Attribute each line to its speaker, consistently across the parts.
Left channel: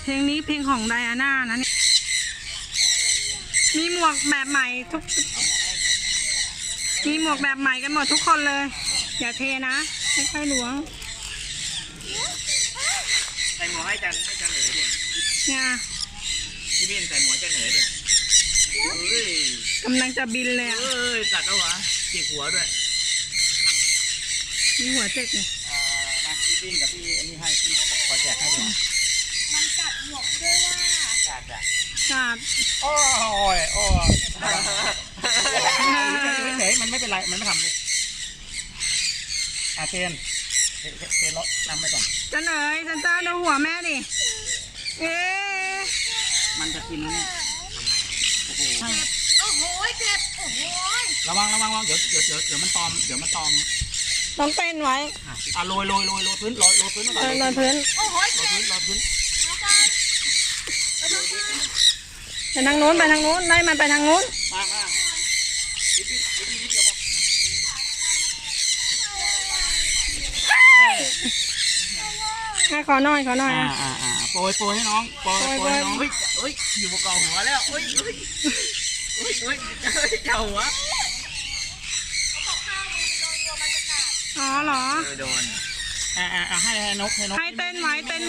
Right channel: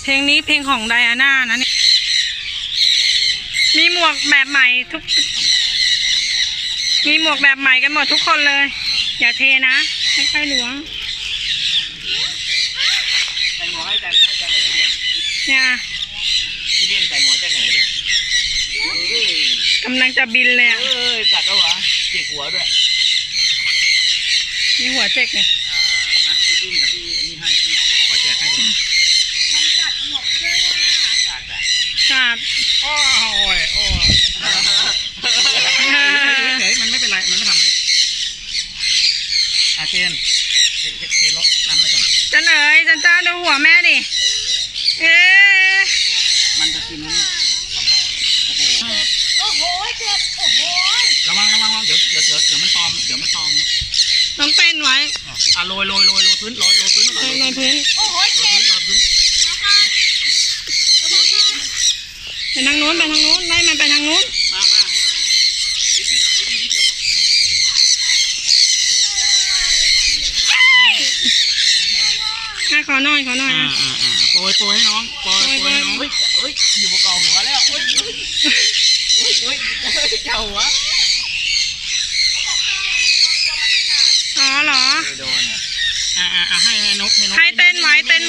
Speaker 1: เพลงนี้เพลงของไดอาน่านะเนี่ยมีหมวกแบบใหม่มีหมวกแบบใหม่กันหมดทุกคนเลยอย่าเทนะค่อยๆล้วง
Speaker 2: ใส่หมวกให้จันเหนือเนี่ยที่นี่ใส่หมวกจันเหนือเนี่ย
Speaker 1: กำลังจะบินเลยอ่ะ
Speaker 2: จัดแล้ววะจิกหัวด้วย
Speaker 1: มีหัวเจ๊กเนี่ย
Speaker 2: มาพี่ดิ้นกับพี่อันนี้ให้พี่ขอแจกให้ดู
Speaker 3: มันกัดหมวกด้วยว่า
Speaker 2: กัดอ่ะ
Speaker 1: กัด
Speaker 2: โอ้ยเฉยมันไม่เป็นไรมันไม่ทำเลยเทนเลาะน้ำไปก่อน
Speaker 1: จันเอ๋ยจันเจ้าดูหัวแม่ดิ
Speaker 2: มันจะกินนะเนี่ย
Speaker 3: โอ้โหเจ็บโอ้โห
Speaker 2: ระวังเดี๋ยวมันตอม
Speaker 1: ต้องเต้นไว้
Speaker 2: โรยพื้นโรยพื้นโ
Speaker 3: อ้โหเจ็บ
Speaker 2: โรยพื้น
Speaker 1: ไปทางนู้นไล่มันไปทางนู้น
Speaker 2: มา
Speaker 1: ขอหน่อย
Speaker 2: โปรยให้น้องโปรยให้น้องเฮ้ยอยู่บนกองหัวแล้วเฮ้ยเจ้าหัว
Speaker 1: อ๋อเหรอ
Speaker 2: โดนให้นก
Speaker 1: ให้เต้นไว้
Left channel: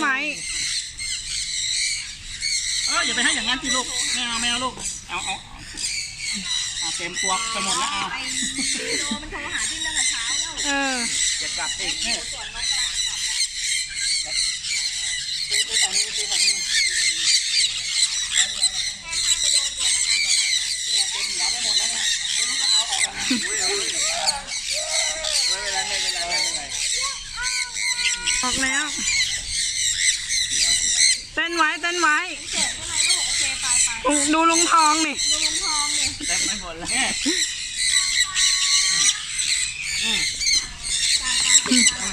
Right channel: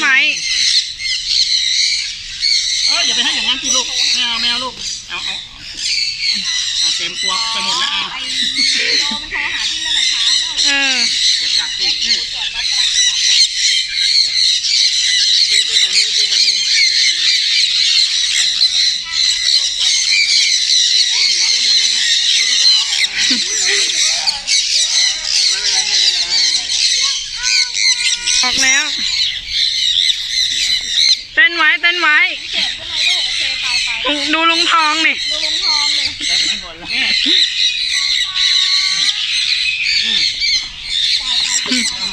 Speaker 2: อย่าไปให้อย่างนั้นพี่ลูกแมวลูกเอาเต็มตัวไปหมดแล้วเอา
Speaker 3: โดมันโทรหาที่ตั้งแต่เช้าแล้ว
Speaker 2: จะกัดสิ
Speaker 3: ส่วนนกกำลังจะกลับแล้ว
Speaker 2: ดูตรงนี้เต็มหัวไปหมดแล้วเนี่ยไม่รู้จะเอาออกยังไงไม่เป็นไร
Speaker 1: ออกแล้วเต้นไว้
Speaker 3: เจ็บใช่ไหมลูกโอเคไป
Speaker 1: ดูลุงทองนี่
Speaker 3: ดูลุงทองนี่
Speaker 2: เต็มไม่หมดแล้ว